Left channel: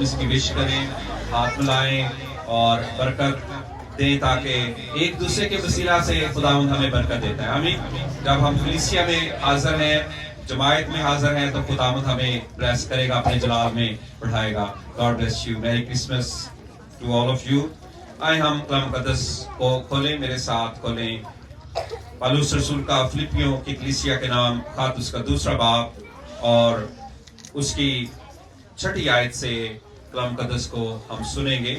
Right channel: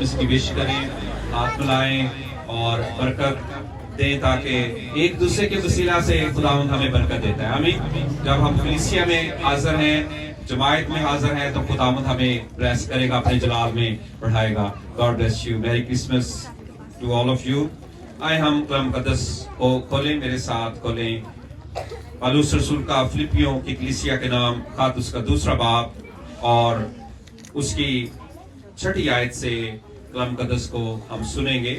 اس کی وش کریں، ہاتھ ملائیں اور برکت دیں تاکہ ایک دوسرے کے وسیلہ سے خداوند ہمیں برکت دیتا ہے. آمین. جب ہم کلیسیا میں حاضر ہیں، جماعت میں حاضر ہیں، تو خداوند ہمیں بلیس کرے گا، اپنے جلال میں بڑھائے گا. God bless you. Merry Christmas to all of you. آئے ہم کلام مقدس کو کھولیں، میرے ساتھ کھولیں پالوس رسول کا فلپیوں کی کلیسیا کے نام خط، اس کا 2 باب اور اس کی 6 آیت سے کلام مقدس کو ہم سنیں گے.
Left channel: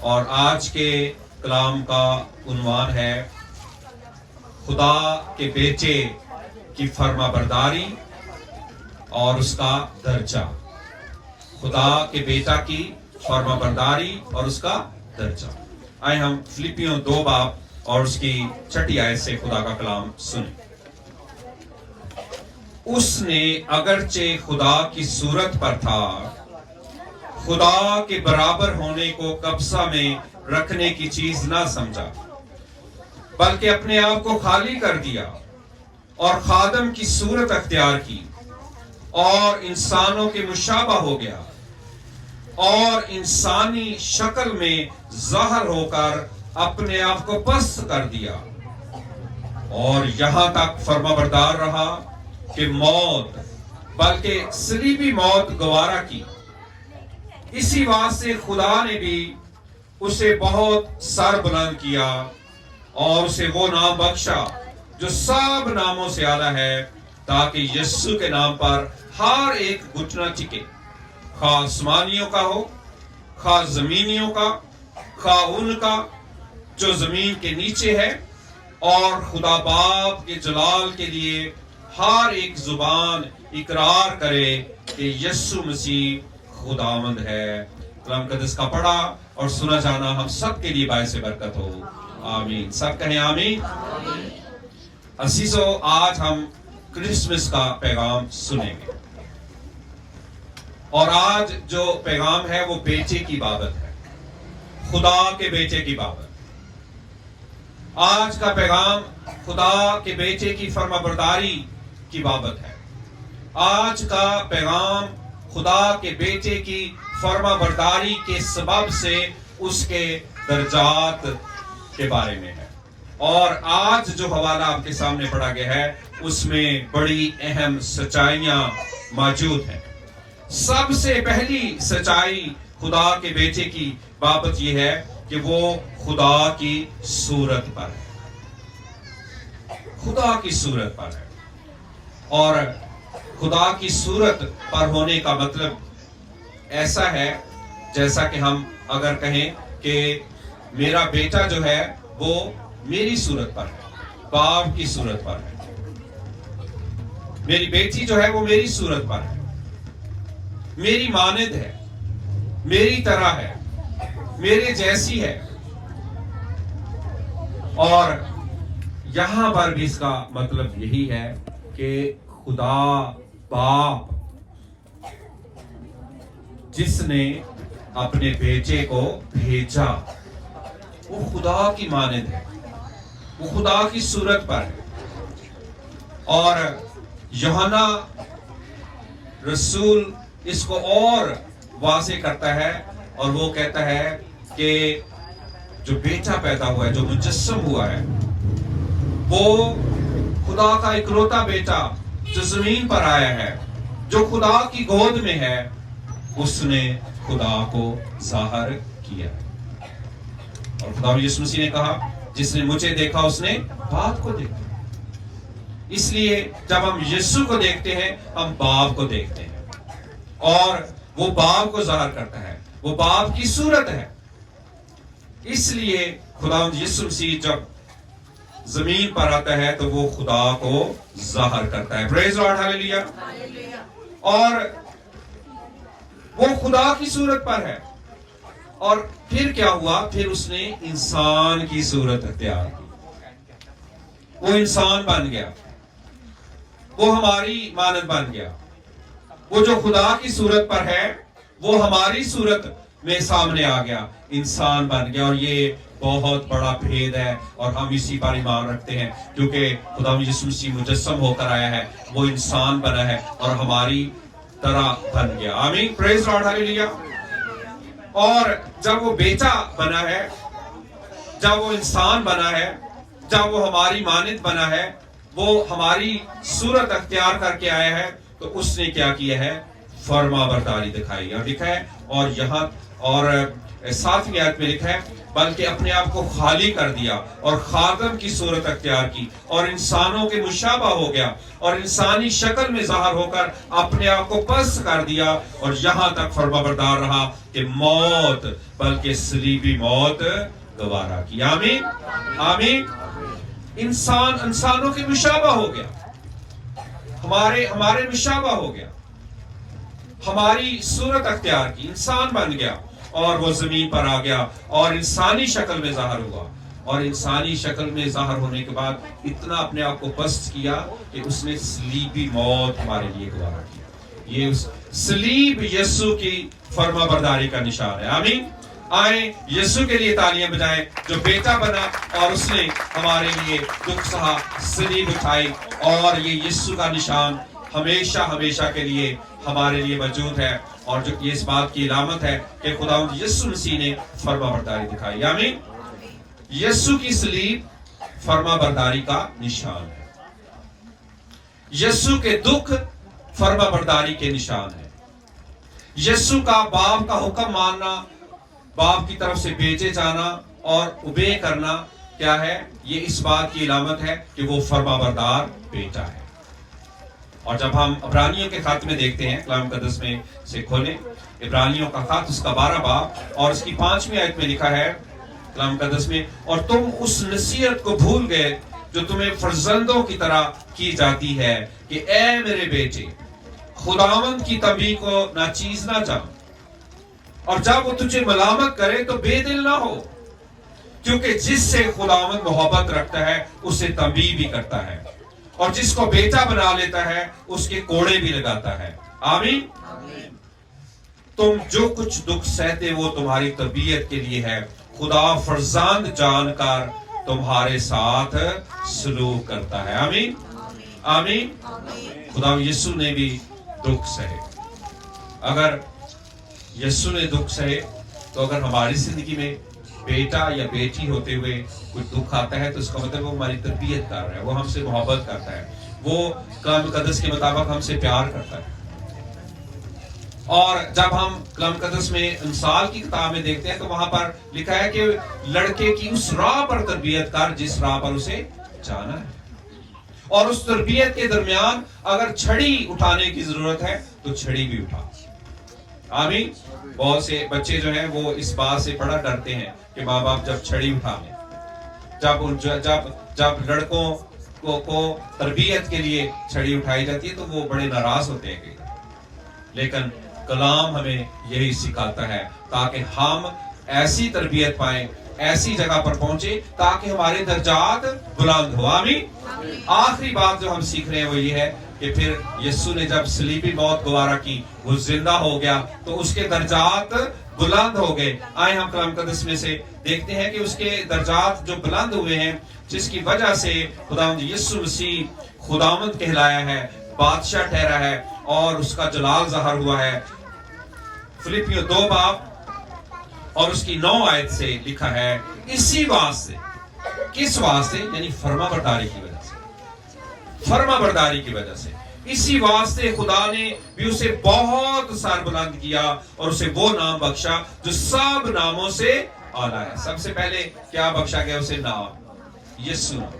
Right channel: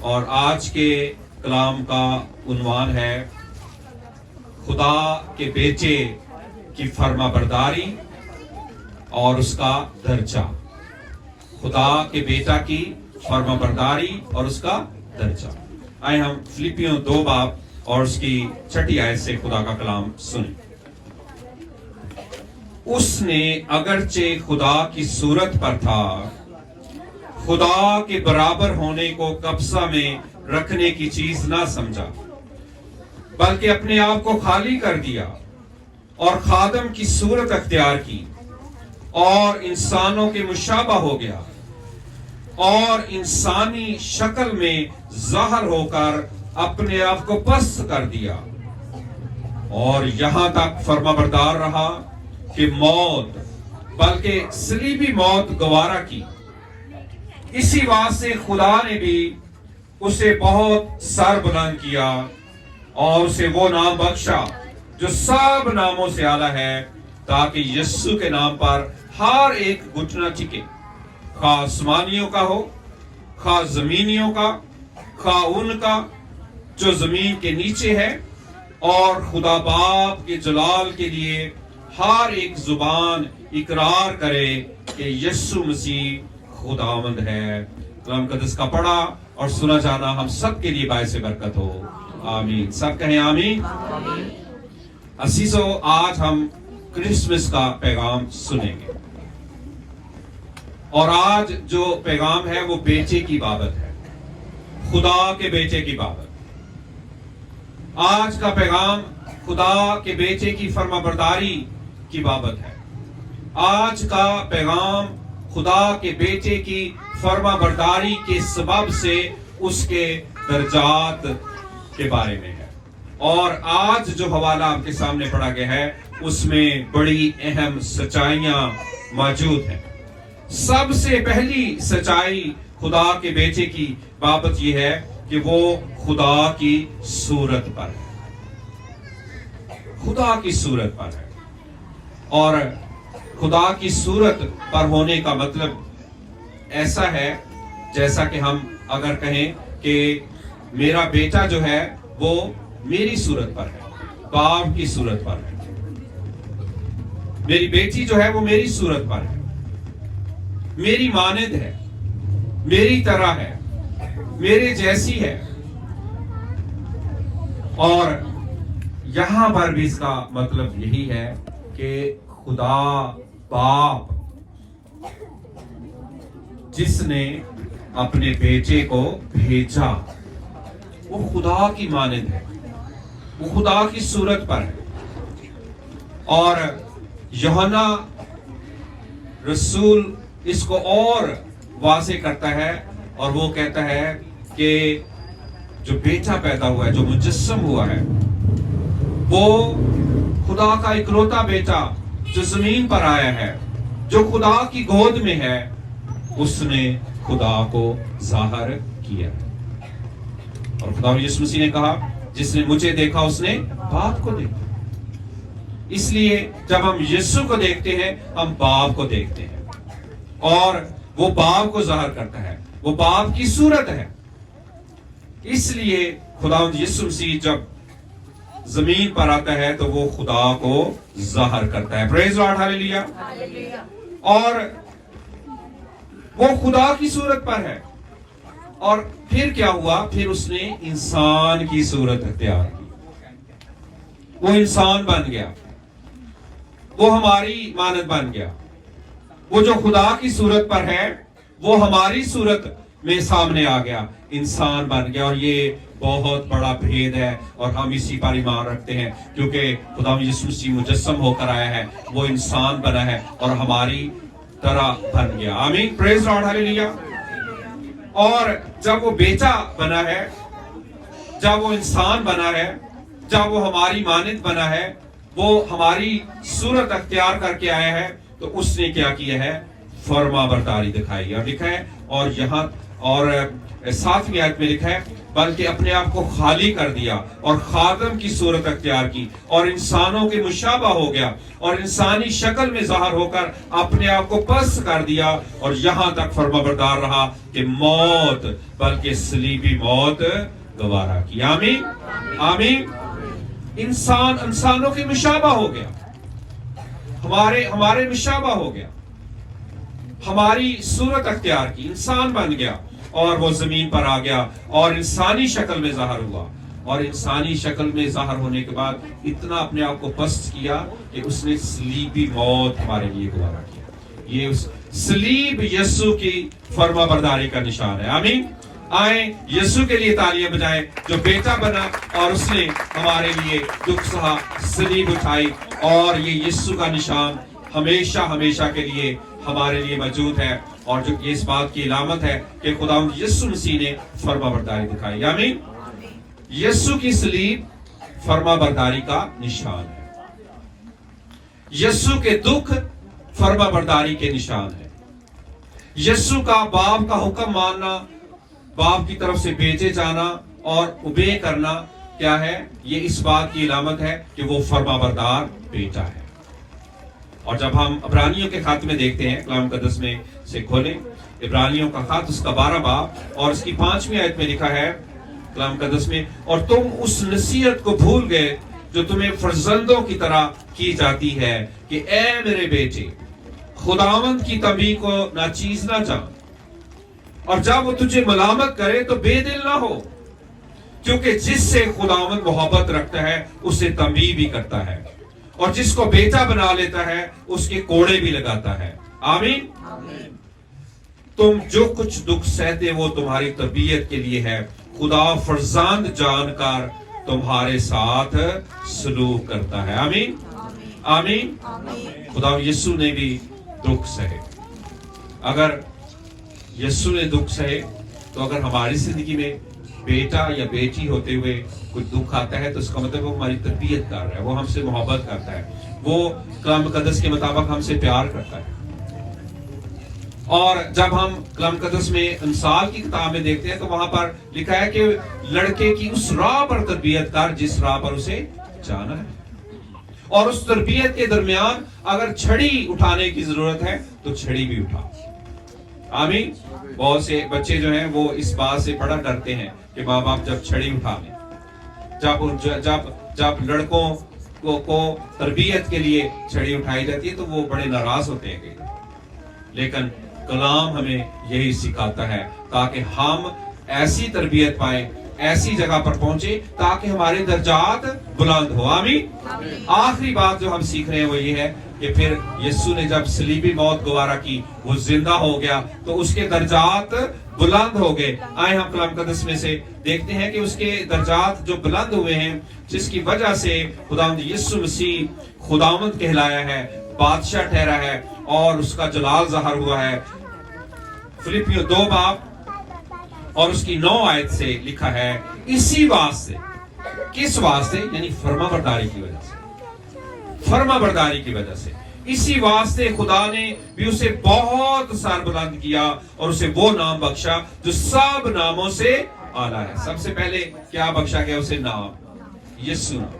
اور آج کے کلام کا عنوان ہے خدا کے بیٹے کی فرما برداری اور اس کا درجہ. خدا کے بیٹا کی فرما برداری اور اس کا درجہ. آئے ہم فلپیوں 2 باب اور اس کی 6 آیت سے خدا کا کلام سنیں. اس نے اگرچہ خدا کی صورت پر تھا، خدا کے برابر ہونے کو قبضہ میں رکھنے کی چیز نہ سمجھا، بلکہ اپنے آپ کو خالی کر دیا اور خادم کی صورت اختیار کی اور انسانوں کے مشابہ ہو گیا اور انسانی شکل میں ظاہر ہو کر اپنے آپ کو پست کر دیا اور یہاں تک فرما بردار رہا کہ موت، بلکہ صلیبی موت گوارا کی. اسی واسطے خدا نے بھی اسے بہت سر بلند کیا اور اسے وہ نام بخشا جو سب ناموں سے اعلیٰ ہے، تاکہ یسوع کے نام پر ہر ایک گھٹنا ٹکے، خواہ آسمانیوں کا ہو، خواہ زمینیوں کا، خواہ ان کا جو زمین کے نیچے ہے، اور خدا باپ کے جلال کے لیے ہر ایک زبان اقرار کرے کہ یسوع مسیح خداوند ہے. کلام مقدس کا پڑھا اور سنا جانا ہم سب کے لیے باعث برکت ہو. آمین. سب کہیں آمین. عزیزو، آج ہم کرسمس کا پیغام سنیں گے، اور آج جو پیغام ہے وہ بیٹے کی بابت ہے، خدا کے بیٹے کی بابت. آج کا پیغام خدا کے بیٹے کی فرما برداری کی بابت ہے. آج کا پیغام خدا کے بیٹے کی فرما برداری کے سبب سے اس کے درجات کے بارے میں ہے. اور آج جو حوالہ آپ کے سامنے پڑھا گیا ہے اس میں بڑی اہم سچائیاں موجود ہیں. سب سے پہلی سچائی خدا کے بیٹے کی بابت یہ ہے کہ وہ خدا کی صورت پر ہے. خدا کی صورت پر ہے. اور خدا کی صورت پر ہونے کا مطلب ایسا ہے جیسا کہ ہم اگر کہیں کہ میرا بیٹا جو ہے وہ میری صورت پر ہے، باپ کی صورت پر ہے. میری بیٹی جو ہے وہ میری صورت پر ہے، میری مانند ہے، میری طرح ہے، میرے جیسی ہے. اور یہاں پر بھی اس کا مطلب یہی ہے کہ خدا باپ جس نے اپنے بیٹے کو بھیجا وہ خدا کی مانند ہے، وہ خدا کی صورت پر ہے. اور یوحنا رسول اس کو اور واضح کرتا ہے اور وہ کہتا ہے کہ جو بیٹا پیدا ہوا ہے، جو مجسم ہوا ہے، وہ خدا کا اکلوتا بیٹا جو زمین پر آیا ہے، جو خدا کی گود میں ہے، اس نے خدا کو ظاہر کیا. اور خدا یسوع مسیح نے کہا جس نے مجھے دیکھا اس نے باپ کو دیکھا. اس لیے جب ہم یسوع کو دیکھتے ہیں ہم باپ کو دیکھتے ہیں، اور وہ باپ کو ظاہر کرتا ہے، وہ باپ کی صورت ہے. اس لیے خدا یسوع مسیح جب زمین پر آتا ہے تو وہ خدا کو ظاہر کرتا ہے. پریز لارڈ، ہاللیلویا. اور وہ خدا کی صورت پر ہے. اور پھر کیا ہوا؟ پھر اس نے انسان کی صورت اختیار کی. وہ انسان بن گیا، وہ ہماری مانند بن گیا. وہ جو خدا کی صورت پر ہے وہ ہماری صورت میں سامنے آ گیا، انسان بن گیا. اور یہ بہت بڑا بھید ہے اور ہم اسی پر ایمان رکھتے ہیں کیونکہ خدا یسوع مسیح مجسم ہو کر آیا ہے، وہ انسان بنا ہے اور ہماری طرح بن گیا. آمین. پریز لارڈ. ہاللیلویا. اور جب وہ بیٹا بنا ہے، جب وہ انسان بنا ہے، جب وہ ہماری مانند بنا ہے، وہ ہماری صورت اختیار کر کے آیا ہے، تو اس نے کیا کیا ہے؟ فرما برداری دکھائی. اور لکھا ہے، اور یہاں اور 7ویں آیت میں لکھا ہے، بلکہ اپنے آپ کو خالی کر دیا اور خادم کی صورت اختیار کی اور انسانوں کے مشابہ ہو گیا اور انسانی شکل میں ظاہر ہو کر اپنے آپ کو پست کر دیا اور یہاں تک فرما بردار رہا کہ موت، بلکہ صلیبی موت گوارا کی. آمین آمین. انسانوں کے مشابہ ہو گیا، ہمارے مشابہ ہو گیا، ہماری صورت اختیار کی، انسان بن گیا اور وہ زمین پر آ گیا اور انسانی شکل میں ظاہر ہوا. اور انسانی شکل میں ظاہر ہونے کے بعد اتنا اپنے آپ کو پست کیا کہ اس نے صلیبی موت ہمارے لیے گوارا کیا. یہ اس صلیب یسوع کی فرما برداری کا نشان ہے. آمین. آئیں یسوع کے لیے تالیاں بجائیں جو بیٹا بنا اور اس نے ہمارے لیے دکھ سہا، صلیب اٹھائی، اور یہ یسوع کا نشان ہمیشہ ہمیشہ کے لیے ہمارے لیے موجود ہے، اور جو یہ اس بات کی علامت ہے کہ خداوند یسوع مسیح نے فرما برداری دکھائی. آمین. یسوع کی صلیب فرما برداری کا نشان ہے. یسوع کے دکھ فرما برداری کے نشان ہے. یسوع کا باپ کا حکم ماننا، باپ کی طرف سے بھیجے جانا اور اوبے کرنا کیا ہے؟ یہ اس بات کی علامت ہے کہ وہ فرما بردار بیٹا ہے. اور جب ہم عبرانیوں کے خط میں دیکھتے ہیں، کلام مقدس میں سے کھولیں عبرانیوں کا خط، اس کا 12 باب اور اس کی 5ویں آیت میں لکھا ہے کلام مقدس میں، اور تم اس نصیحت کو بھول گئے جو تمہیں فرزندوں کی طرح کی جاتی ہے کہ اے میرے بیٹے خداوند کی تنبیہ کو ناچیز نہ جان، اور جب وہ تجھے ملامت کرے تو بے دل نہ ہو، کیونکہ جس سے خداوند محبت رکھتا ہے اسے تنبیہ بھی کرتا ہے، اور جس کو بیٹا بنا لیتا ہے اس کے کوڑے بھی لگاتا ہے. آمین. تم جو کچھ دکھ سہتے وہ تمہاری طبیعت کے لیے ہے، خدا فرزند جان کر تمہارے ساتھ سلوک کرتا ہے. آمین آمین. خدا یسوع نے بھی دکھ سہے. اگر یسوع نے دکھ سہے تو اگر ہماری زندگی میں بیٹا یا بیٹی ہوتے ہوئے کوئی دکھ آتا ہے تو اس کا مطلب وہ ہماری تربیت کر رہا ہے، وہ ہم سے محبت کرتا ہے، وہ کلام مقدس کے مطابق ہم سے پیار کرتا ہے. اور جب ہم کلام مقدس میں امثال کی کتاب میں دیکھتے ہیں تو وہاں پر لکھا ہے کہ لڑکے کی اس راہ پر تربیت کر جس راہ پر اسے جانا ہے، اور اس تربیت کے درمیان اگر چھڑی اٹھانے کی ضرورت ہے تو چھڑی بھی اٹھا. آمین. بہت سے بچے جو ہیں وہ اس بات سے بڑا ڈرتے ہیں کہ ماں باپ جب چھڑی اٹھا لیں، جب لڑکوں کو تربیت کے لیے چھڑی اٹھائی جاتی ہے تو وہ بڑے ناراض ہوتے ہیں کئی. لیکن کلام ہمیں یہی سکھاتا ہے تاکہ ہم ایسی تربیت پائیں، ایسی جگہ پر پہنچے تاکہ ہمارے درجات بلند ہو. آمین. آخری بات جو ہم سیکھ رہے ہیں وہ یہ ہے کہ پھر یسوع نے جب صلیبی موت گوارا کی، وہ زندہ ہو گیا تو اس کے درجات بلند ہو گئے. آئے ہم کلام مقدس میں سے دیکھتے ہیں کہ اس کے درجات جو بلند ہوئے ہیں، جس کی وجہ سے خداوند یسوع مسیح خداوند کہلایا ہے، بادشاہ ٹھہرا ہے اور اس کا جلال ظاہر ہوا ہے. فلپیوں 2 باب اور اس کی 9 آیت سے لکھا ہے، اسی واسطے، کس واسطے؟ یعنی فرما برداری کی وجہ سے، فرما برداری کی وجہ سے، اسی واسطے خدا نے بھی اسے بہت سر بلند کیا اور اسے وہ نام بخشا جو سب ناموں سے اعلیٰ ہے. سب سے پہلے کیا بخشا گیا اسے؟ نام، یسوع نام.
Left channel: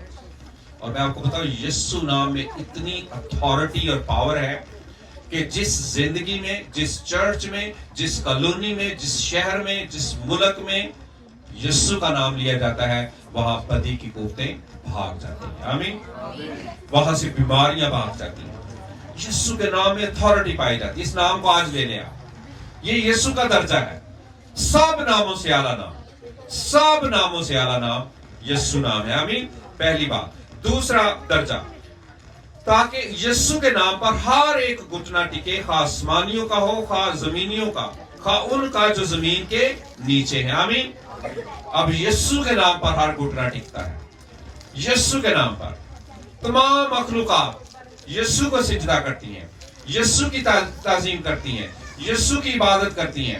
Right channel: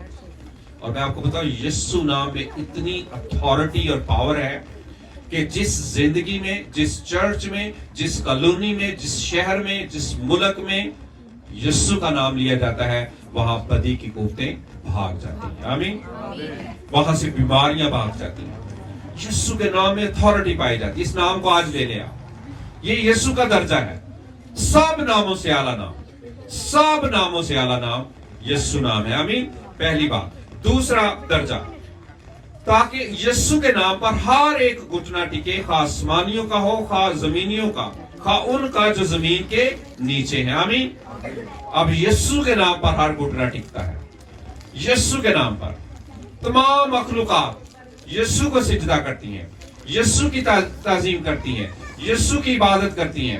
اور میں آپ کو بتاؤں یسوع نام میں اتنی اتھارٹی اور پاور ہے کہ جس زندگی میں، جس چرچ میں، جس کالونی میں، جس شہر میں، جس ملک میں یسوع کا نام لیا جاتا ہے وہاں بدی کی قوتیں بھاگ جاتی ہیں. آمین. وہاں سے بیماریاں بھاگ جاتی ہیں. یسوع کے نام میں اتھارٹی پائی جاتی ہے. اس نام کو آج لے لیں آپ، یہ یسوع کا درجہ ہے. سب ناموں سے اعلیٰ نام، سب ناموں سے اعلیٰ نام یسوع نام ہے. آمین. پہلی بات. دوسرا درجہ، تاکہ یسوع کے نام پر ہر ایک گھٹنا ٹکے، خواہ آسمانیوں کا ہو، خواہ زمینیوں کا، خواہ ان کا جو زمین کے نیچے ہیں. آمین. اب یسوع کے نام پر ہر گھٹنا ٹکتا ہے. یسوع کے نام پر تمام مخلوقات یسوع کو سجدہ کرتی ہیں، یسوع کی تعظیم کرتی ہیں، یسوع کی عبادت کرتی ہیں،